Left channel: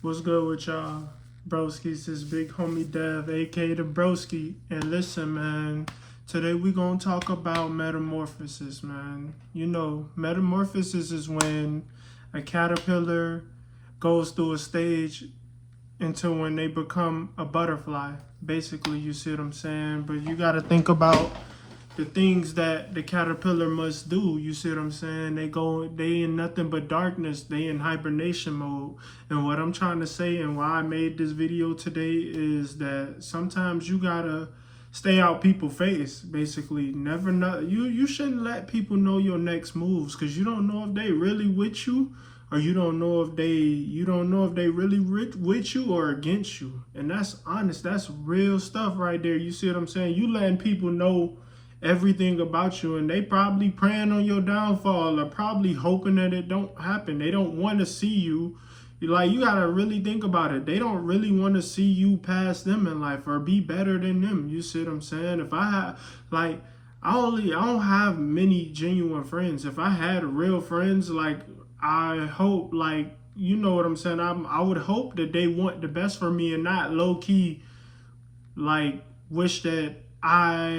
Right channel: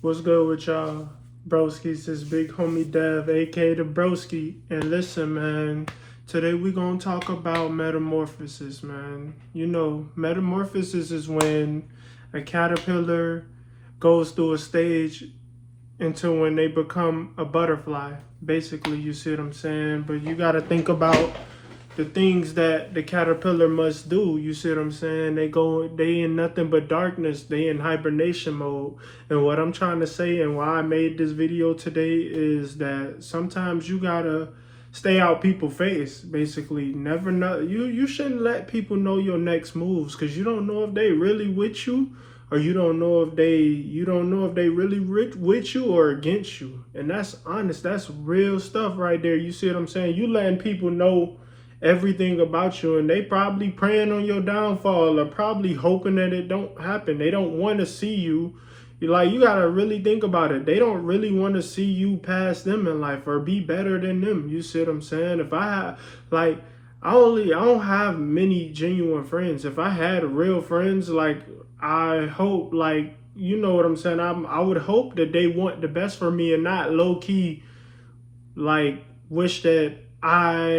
What's good with y'all? Broski's this big homie Dev, aka the Broski. And listen, man, today we gonna talk about metamorphosis, man. You know, metamorphosis is when a caterpillar goes through a stage until when they become a butterfly. Basically, you see what I'm saying? But you gotta think about the things that the caterpillar must do. You see what I'm saying? They in nothing but darkness. They in hibernation mode. And what I'm trying to say and why I made this video today is that sometimes you gotta stay out people's face. Basically, never know. You shouldn't let people know your next moves because you don't know if they really with you, or you don't know if they really with you or against you. And that's honest. That's real stuff right there. You see what I'm saying? You letting people know everything about you, and they probably praying on your downfall or probably hoping that it don't happen. They don't want to see you. You gotta really think about it. They don't really want to see you pass them in life or be better than them. You see what I'm saying? If I have like I don't have many genuine friends. If I had real friends, like I hope, like, you know what I'm saying, I would hope that they want the best for me and not low key like wish that I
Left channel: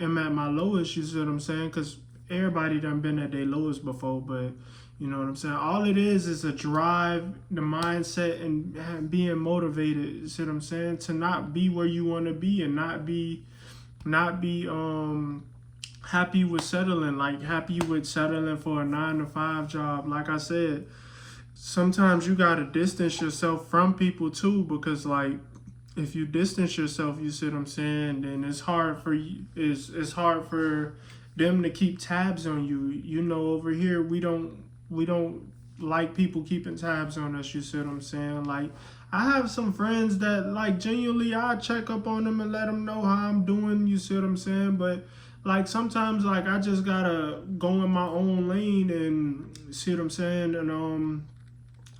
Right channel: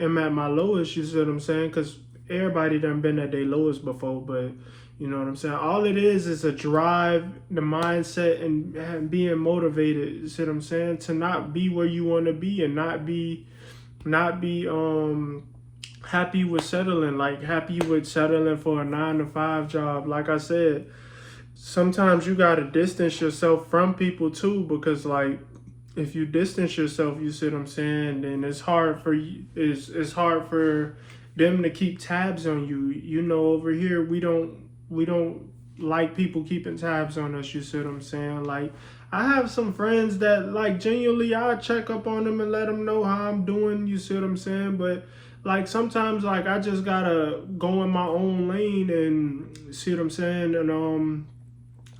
am at my lowest. You see what I'm saying? Because everybody done been at their lowest before, but you know what I'm saying? All it is a drive, the mindset, and being motivated. You see what I'm saying? To not be where you want to be and not be happy with settling, like happy with settling for a 9 to 5 job. Like I said, sometimes you gotta distance yourself from people too, because like if you distance yourself, you see what I'm saying, then it's hard for you. It's hard for them to keep tabs on you. You know, over here we don't like people keeping tabs on us. You see what I'm saying? Like I have some friends that like genuinely I check up on them and let them know how I'm doing. You see what I'm saying? But like sometimes like I just gotta go in my own lane and see what I'm saying, and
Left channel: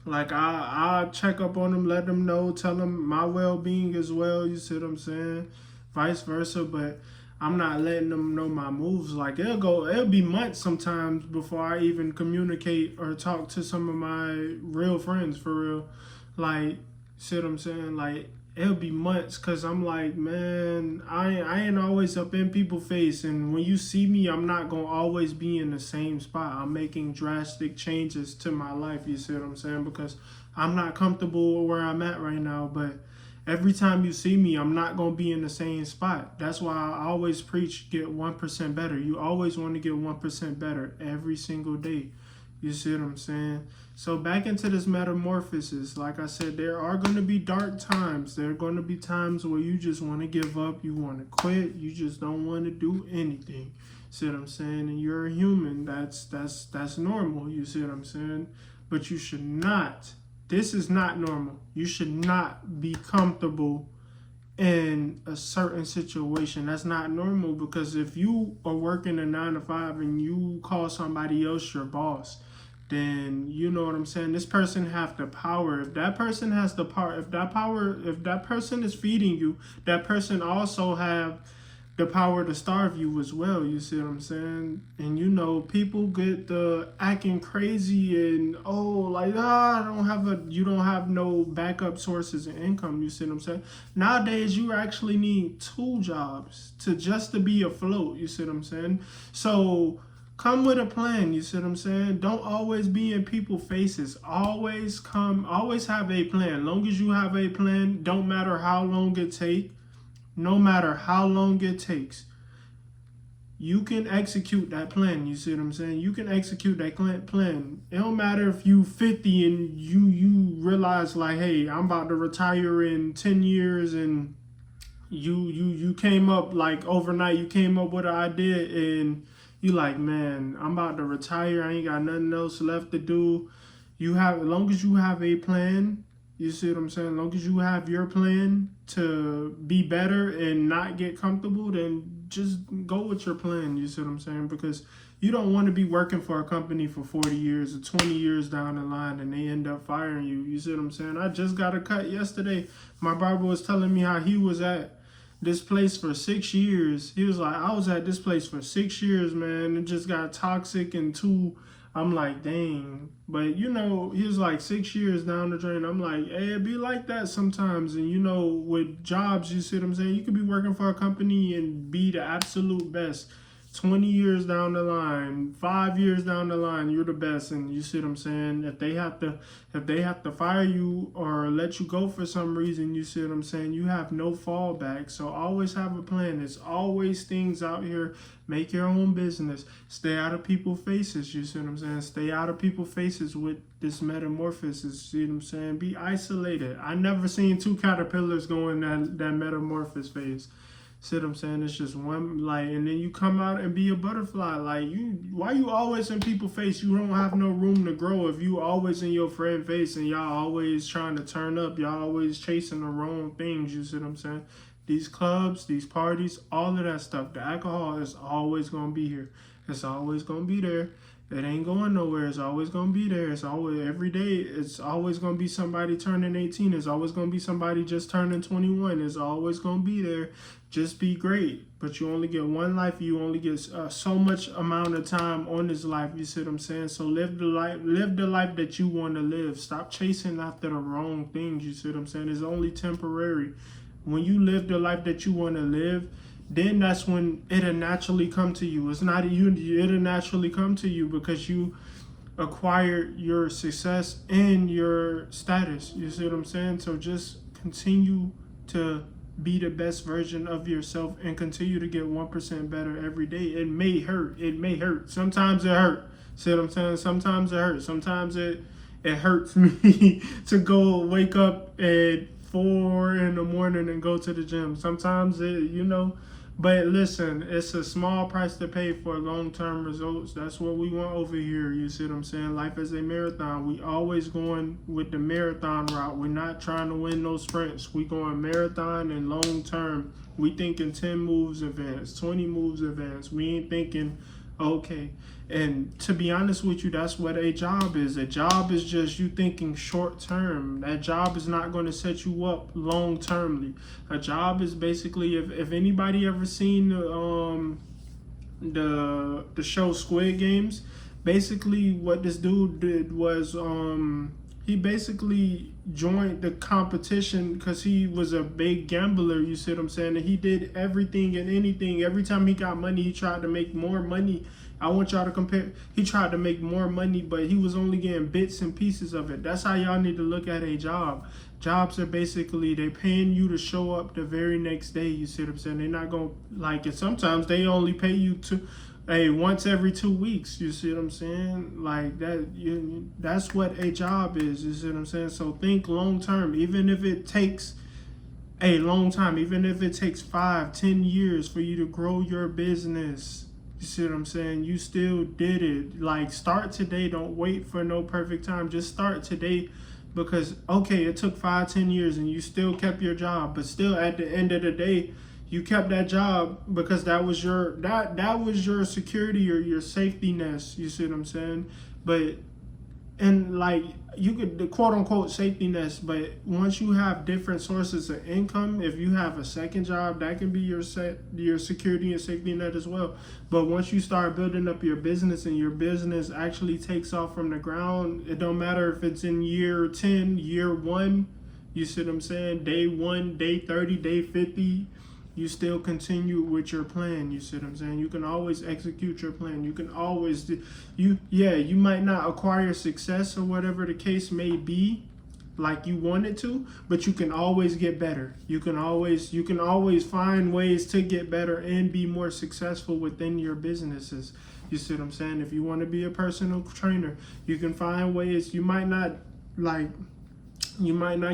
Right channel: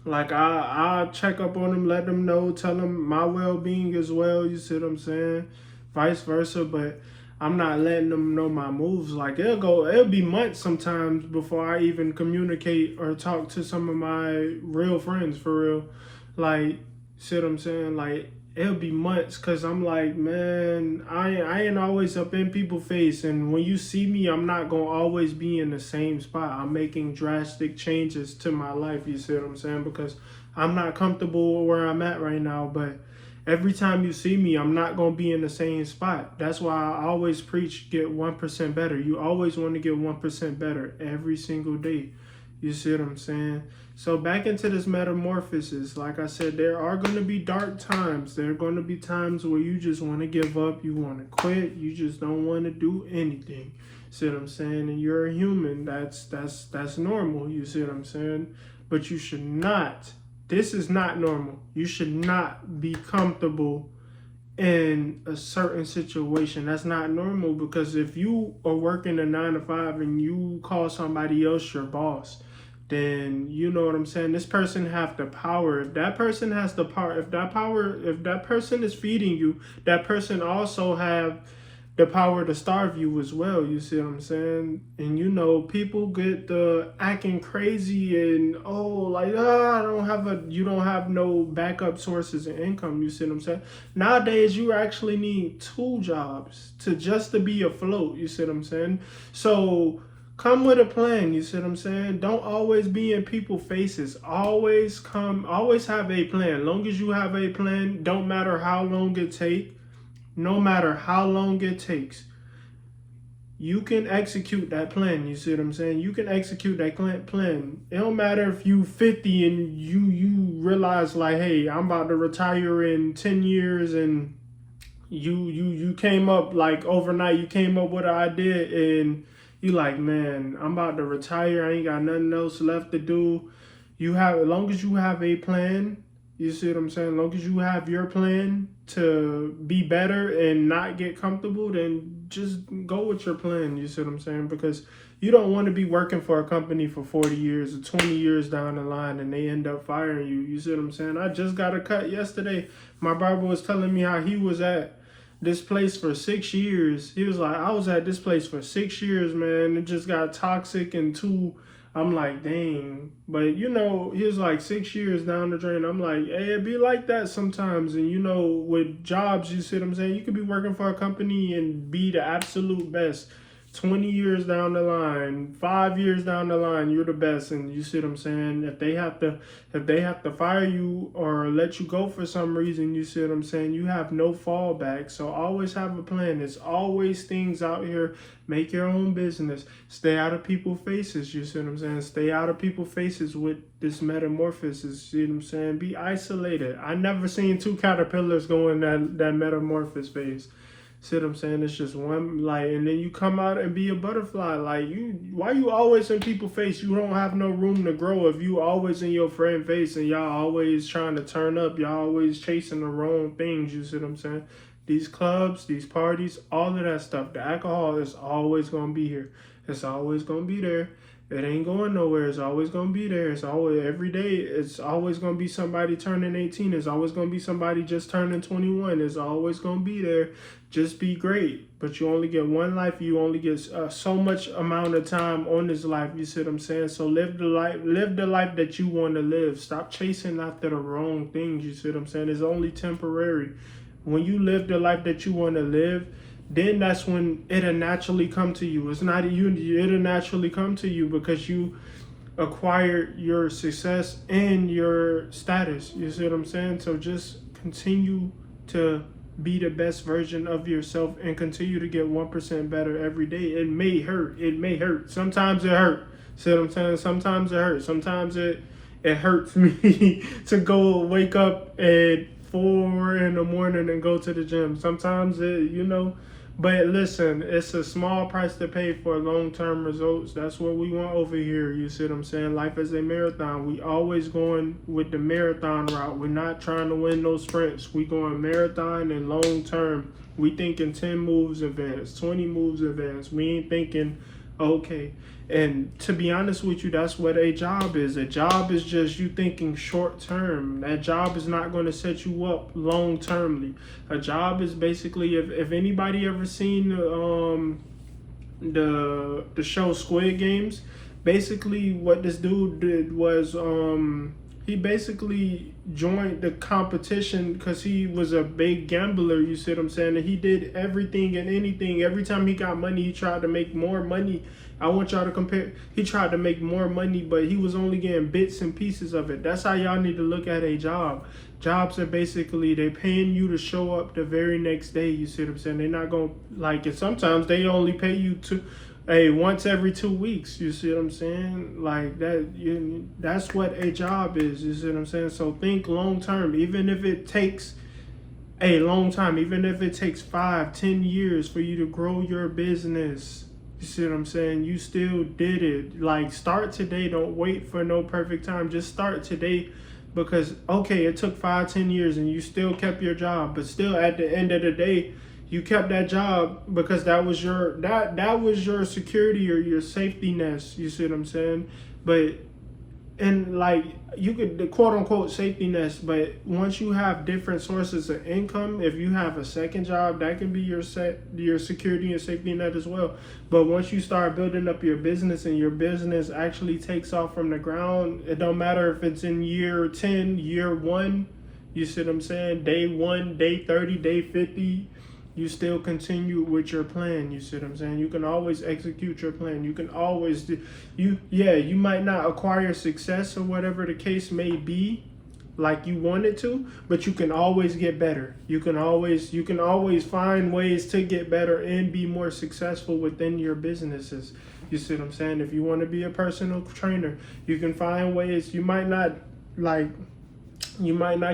like I check up on them, let them know, tell them my well-being as well. You see what I'm saying? Vice versa, but I'm not letting them know my moves. Like it'll be months sometimes before I even communicate or talk to some of my real friends for real. Like, see what I'm saying? Like it'll be months because I'm like, man, I ain't always up in people's face, and when you see me, I'm not gonna always be in the same spot. I'm making drastic changes to my life. You see what I'm saying? Because I'm not comfortable where I'm at right now, but every time you see me, I'm not gonna be in the same spot. That's why I always preach get 1% better. You always want to get 1% better every single day. You see what I'm saying? So back into this metamorphosis, like I said, there are going to be dark times. There are going to be times where you just want to give up. You want to quit. You just don't want to do anything. See what I'm saying? And you're a human. That's normal. You see what I'm saying? But you should not. This is not normal. You should not be comfortable in a certain situation. That's not normal, because if you are working a 9 to 5 and you call somebody else your boss, then you know what I'm saying, this person have the power. If that person has the power, if that person is feeding you, that person also have the power to starve you as well. You see what I'm saying? And you know, people get the acting crazy and like you don't have no backup sources of income. You see what I'm saying? Nowadays you actually need 2 jobs to be afloat. You see what I'm saying? So come with a plan. You see what I'm saying? Don't always be in people's faces. Always have a plan. Long as you have a plan, don't matter how long it takes. No matter how long it takes, you can execute that plan. You see what I'm saying? You can execute that plan. It don't matter if you 50 and you realize like, hey, I'm about to retire in 10 years, and you came up like overnight. You came up with an idea and you like, man, I'm about to retire. I ain't got nothing else left to do. As long as you have a plan. You see what I'm saying? As long as you have your plan to be better and not get comfortable, then just go with your plan. You see what I'm saying? Because you don't want to be working for a company for 40 years or 20 years down the line and they end up firing you. You see what I'm saying? I just got a cut yesterday. My barber was telling me how he was at this place for 6 years. He was like, I was at this place for 6 years, man. It just got toxic and too I'm like, dang. But you know, he was like 6 years down the drain. I'm like, hey, it be like that sometimes. And you know, with jobs, you see what I'm saying? You could be working for a company and be the absolute best. 20 years down the line, 5 years down the line, you're the best. And you see what I'm saying? If they have to fire you or let you go for some reason, you see what I'm saying? You have no fallback. So always have a plan. There's always things out here. Make your own business. Stay out of people's faces. You see what I'm saying? Stay out of people's faces with this metamorphosis. See what I'm saying? Be isolated. I never seen two caterpillars go in that metamorphosis phase. See what I'm saying? It's just one, like, and then you come out and be a butterfly. Like, why you always in people's face? You don't have no room to grow if you always in your friend face and y'all always trying to turn up. Y'all always chasing the wrong things. You see what I'm saying? These clubs, these parties, all of that stuff. The alcohol is always gonna be here. It's always gonna be there. It ain't going nowhere. It's always gonna be there. It's always every day. It's always gonna be somebody turning 18. It's always gonna be somebody just turning 21. It's always gonna be there. Just be great. But you only get one life. You only get so much amount of time on this life. You see what I'm saying? So live the life. Live the life that you want to live. Stop chasing after the wrong things. You see what I'm saying? It's only temporary. When you live the life that you want to live, then that's when it'll naturally come to you. It's not you, it'll naturally come to you because you acquired your success and your status. You see what I'm saying? So just continue to be the best version of yourself and continue to get 1% better every day. It may hurt. It may hurt. Sometimes it hurt. See what I'm saying? Sometimes it hurts. Sometimes it hurts me to go wake up at 4 in the morning and go to the gym. Sometimes but listen, it's a small price to pay for long-term results. That's what we want over here. You see what I'm saying? Life is a marathon. We always going with the marathon route. We're not trying to win no sprints. We going marathon and long-term. We thinking 10 moves advance, 20 moves advance. We ain't thinking, okay. And to be honest with you, that's what a job is. A job is just you thinking short term. That job is not going to set you up long termly. A job is basically, if anybody ever seen the show Squid Games, basically what this dude did was he basically joined the competition because he was a big gambler, you see what I'm saying? And he did everything and anything. Every time he got money, he tried to make more money. I want y'all to compare. He tried to make more money, but he was only getting bits and pieces of it. That's how y'all need to look at a job. Jobs are basically, they paying you to show up the very next day, you see what I'm saying? They're not going to, like, it. Sometimes they only pay you once every 2 weeks, you see what I'm saying? Like that, that's what a job is, you see what I'm saying? So think long term, even if it takes a long time, even if it takes 5-10 years for you to grow your business, you see what I'm saying? You still did it. Like, start today. Don't wait for no perfect time. Just start today, because okay, it took 5-10 years and you still kept your job, but still at the end of the day, you kept that job because that was your security or your safety nest. You see what I'm saying? But and like, you could, the quote unquote safety nest, but once you have different sources of income, if you have a second job, that can be your security and safety net as well. But once you start building up your business and your business actually takes off from the ground, it don't matter if it's in year 10, year 1, you see what I'm saying? Day 1, day 30, day 50. You still continue with your plan. You see what I'm saying? You can always execute your plan. You can always you might not acquire success or whatever the case may be like you wanted to, but you can always get better. You can always find ways to get better and be more successful within your businesses. You see what I'm saying? If you want to be a personal trainer, you can find ways. You might not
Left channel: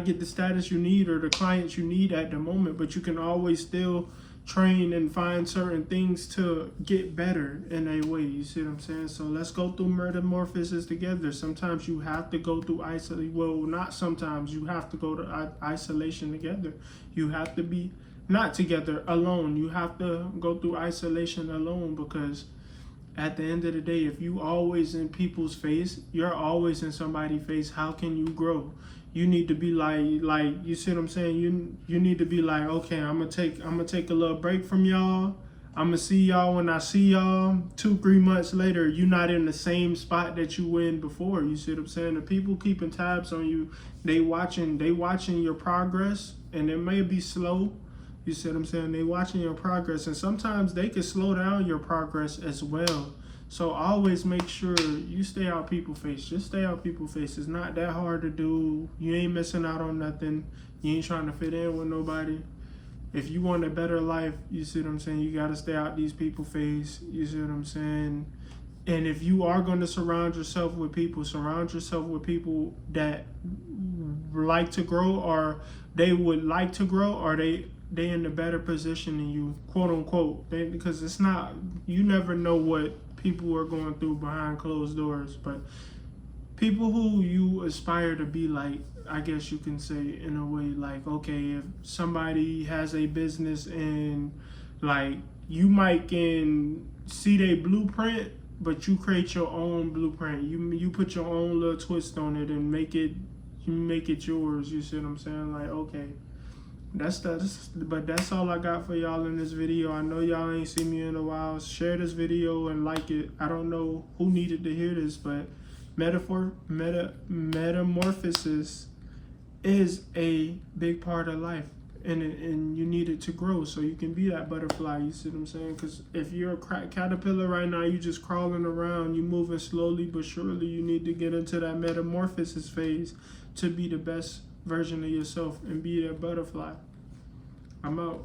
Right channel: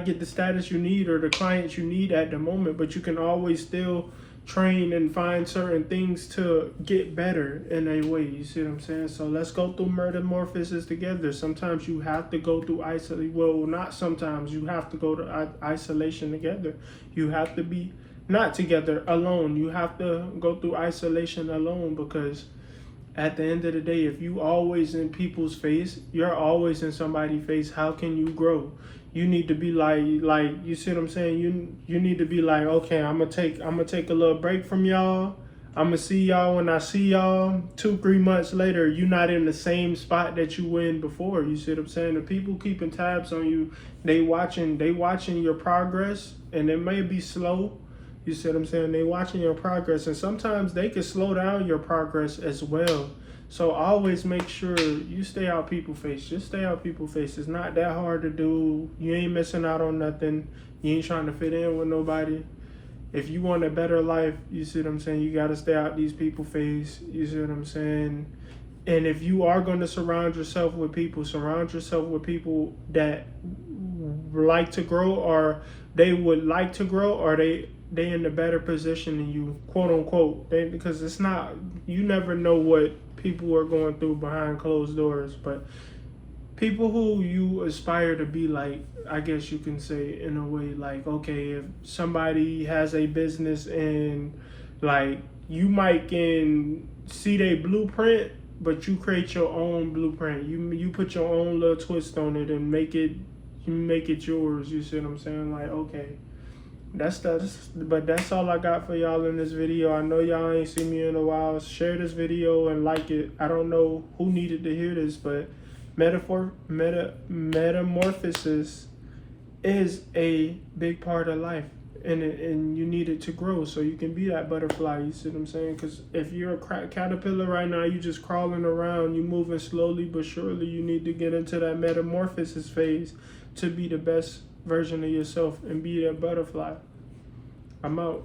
get the status you need or the clients you need at the moment, but you can always still train and find certain things to get better in a way. You see what I'm saying? So let's go through metamorphosis together. Sometimes you have to go through isolation. Well, not sometimes. You have to go to isolation together. You have to be not together, alone. You have to go through isolation alone, because at the end of the day, if you always in people's face, you're always in somebody's face, how can you grow? You need to be like you see what I'm saying? You need to be like, okay, I'm gonna take a little break from y'all. I'ma see y'all when I see y'all 2-3 months later. You not in the same spot that you were in before. You see what I'm saying? The people keeping tabs on you, they watching your progress, and it may be slow. You see what I'm saying? They watching your progress, and sometimes they can slow down your progress as well. So always make sure you stay out people face. Just stay out people face. It's not that hard to do. You ain't missing out on nothing. You ain't trying to fit in with nobody. If you want a better life, you see what I'm saying, you got to stay out these people face. You see what I'm saying? And if you are going to surround yourself with people that like to grow, or they would like to grow, or they in a better position than you, quote unquote. Because it's not, you never know what people are going through behind closed doors. But people who you aspire to be like, I guess you can say in a way, like, okay, if somebody has a business and like you might can see their blueprint, but you create your own blueprint. You put your own little twist on it and make it yours. You see what I'm saying? Like, okay, but that's all I got for y'all in this video. I know y'all ain't seen me in a while. Share this video and like it. I don't know who needed to hear this, but metamorphosis is a big part of life, and you need it to grow so you can be that butterfly. You see what I'm saying? Because if you're a caterpillar right now, you just crawling around, you moving slowly but surely. You need to get into that metamorphosis phase to be the best version of yourself and be that butterfly. I'm out.